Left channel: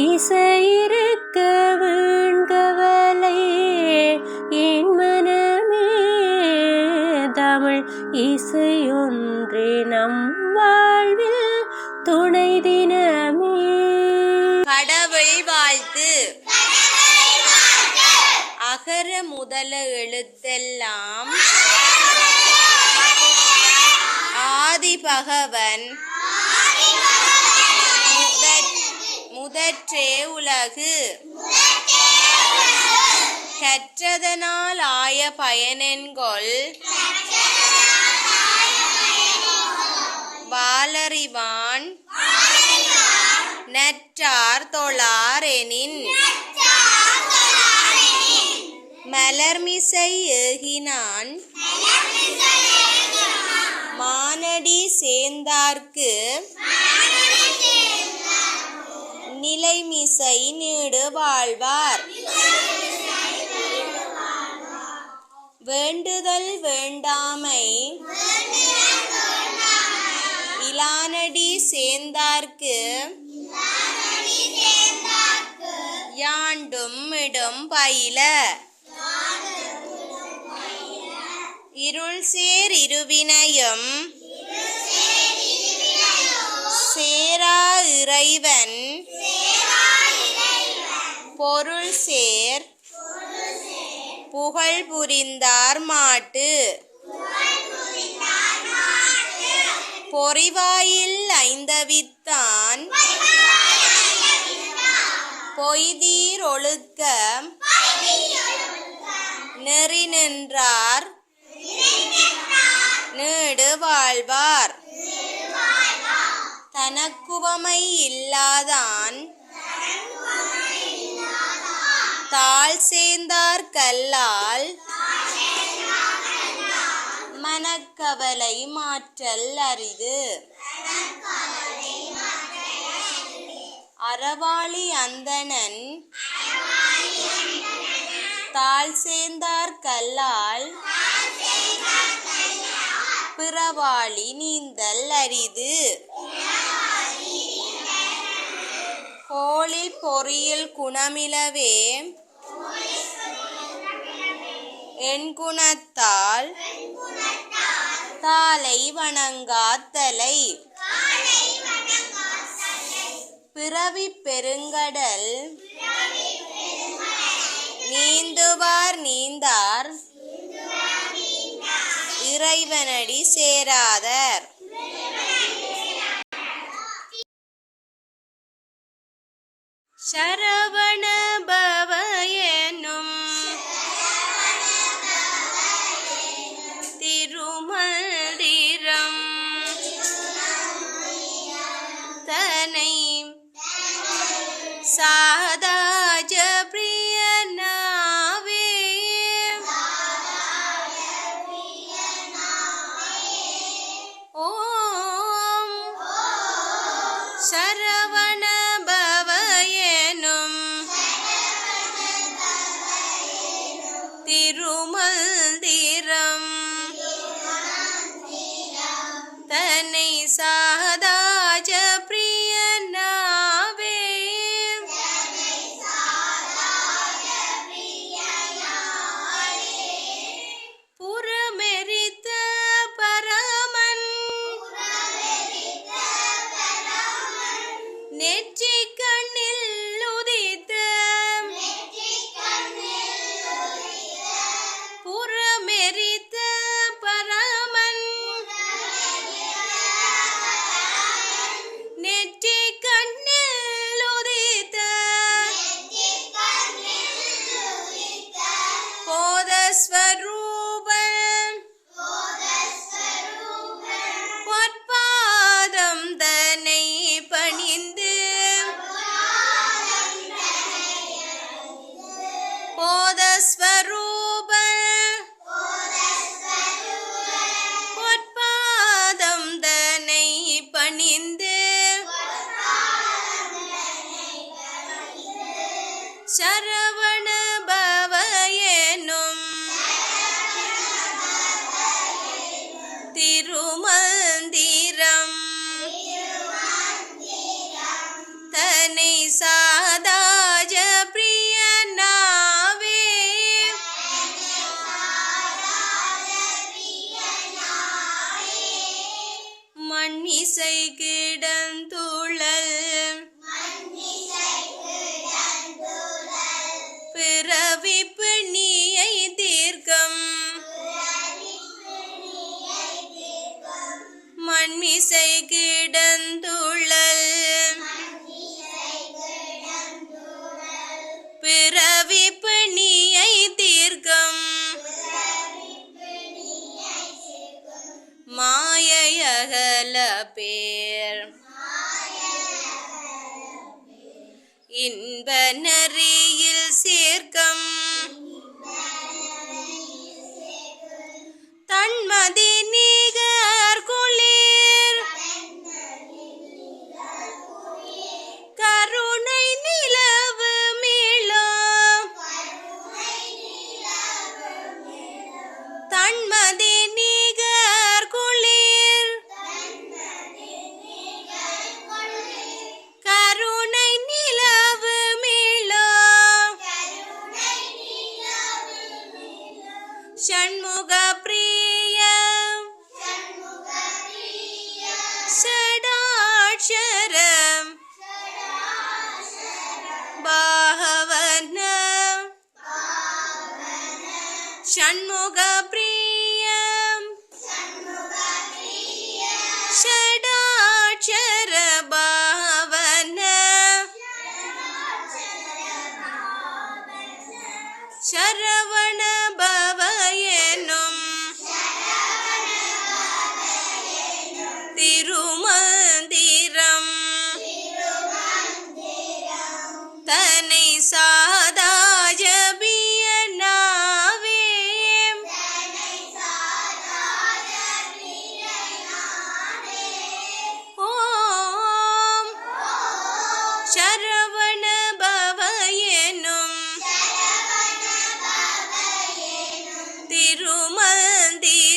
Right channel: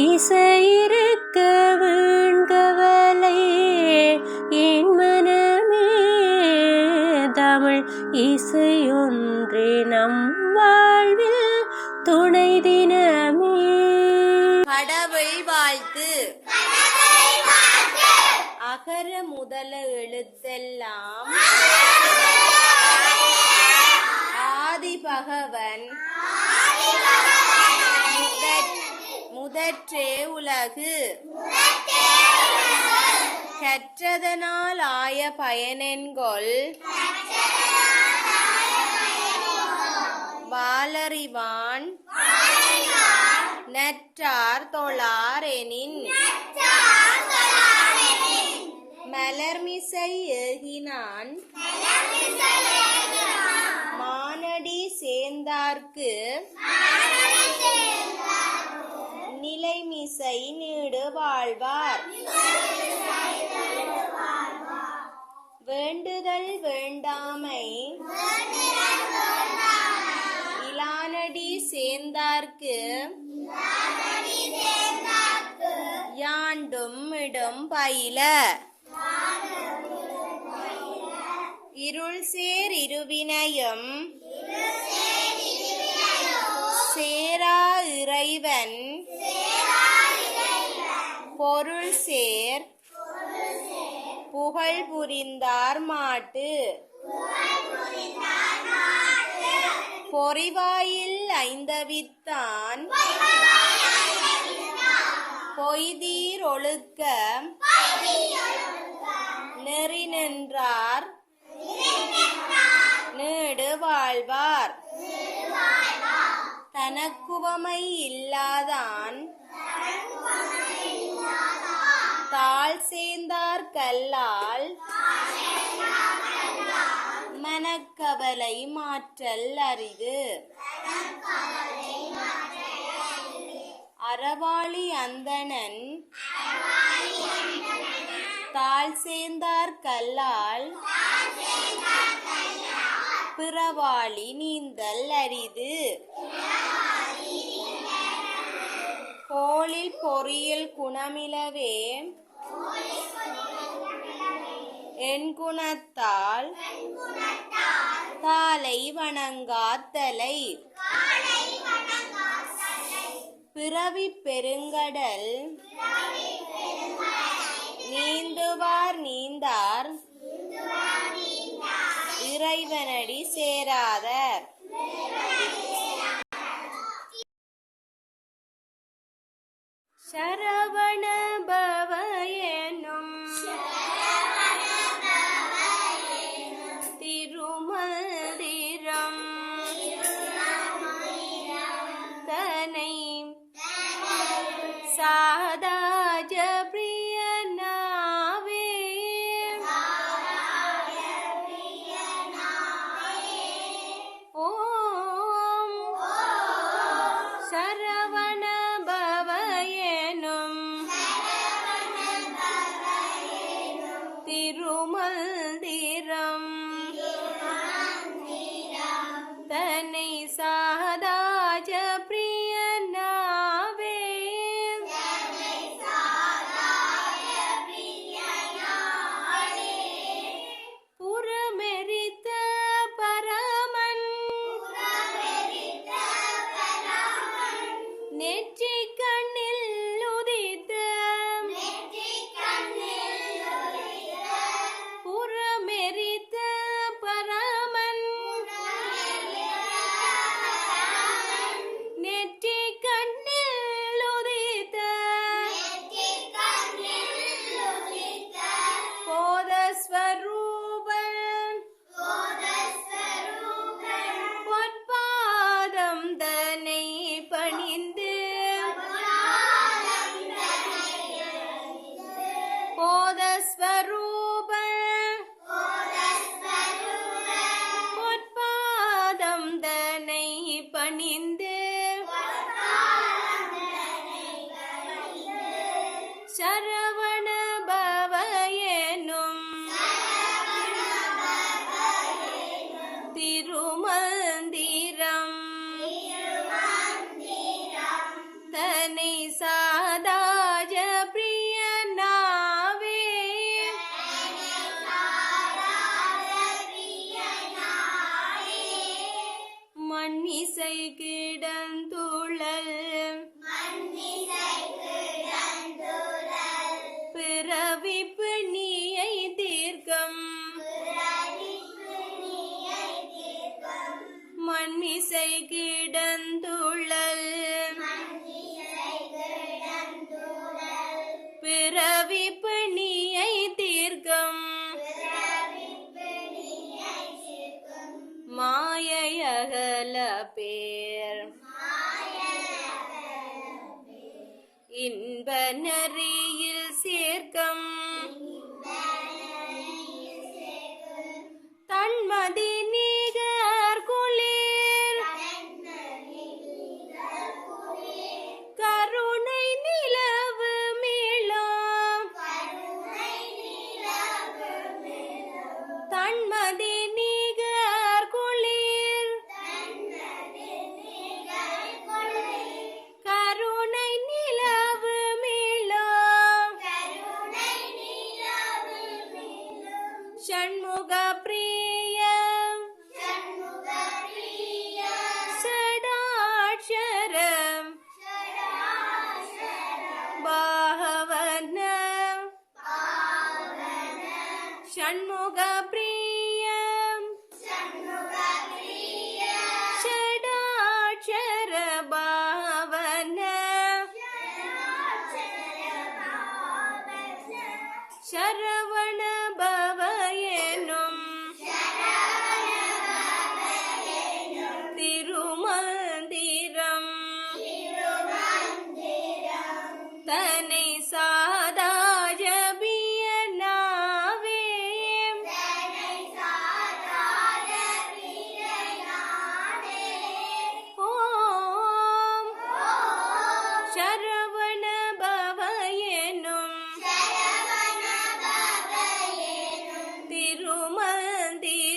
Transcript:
இசையிருக்க வீண்கவலை என் மனமே, தமிழ் இசையொன்றே நம் வாழ்வில் துணை தினமே. கடவுள் வாழ்த்து. அகர முதல எழுத்தெல்லாம் ஆதி பகவன் முதற்றே உலகு. கற்றதனால் ஆய பயனென்கொல் வாளறிவான் நற்றார் தொழார் எனின். மலர்மிசை ஏகினான் மானடி சேர்ந்தார்க்கு நிலைமிசை நீடு வாழ்வார். வேண்டுதல் வேண்டாமை இலானடி சேர்ந்தார்க்கு யாண்டும் இடும் பயில. இருள் சேர் இருவினையும் சேரா இறைவன் பொருள் சேர் புகழ் புரிந்தார் மாட்டு. பொறிவாயில் ஐந்தவித்தான் பொய்தீர் ஒழுக்க நெறி நின்றார் நீடு வாழ்வார். தனக்குவமை இல்லாதான் தாழ் சேர்ந்தார் கல்லால் மனக்கவலை மாற்றல் அரிது. அறவாளி அந்தணன் தாழ் சேர்ந்தார் கல்லால் பிறவாளி நீந்தல் அரிது. கோளில் பொறியில் குணமிலவே என் குணத்தால் தாளை வணங்காத்தலை. பிறவி பெருங்கடல் நீந்துவார் நீந்தார் இறைவனடி சேராதர். சரவண பவ எனும் திருமந்திரம் தனை சாதாஜ பிரியனாவே ஓம் சரவண பவ எனும் திருமந்திரம் தன்னை சாதாஜ பிரியனாவே புறமெரித்த பரமன் நெற்றி கண்ணில் உதித்த புறமெரித்த பரமன் நெற்றி கண்ணில் உதித்த போதஸ்வரூபன் பொற்பாதம் தன்னை பணிந்து போதஸ்வரூபன் பொற்பாதம் தன்னை பணிந்து சரவண பவ எனும் திருமந்திரம் தன்னை சாதாஜ பிரியனாவே மண்ணிசை கிடந்துழல் பிறவிப்பு நீயை தீர்க்கம் மண்மிசை கிடந்துழல் பிறவிப்பு நீயை தீர்க்கம் மாயையகல பேர் இன்ப நெறியில் சேர்க்கம் தன்மதி நீகர் குளிர் கருணை நிலவு மீளம் தன்மதி நீகர் குளிர் கருணை நிலவு மீளம் ஷண்முக பிரிய ஷடாட்சரம் பாவன ஷண்முக பிரியம் ஷடாட்சர பாவன சரவண பவ எனும் திருமந்திரம் தனை சாதாஜ பிரியனாவே ஓம் சரவண பவ எனும் திருமந்திரம்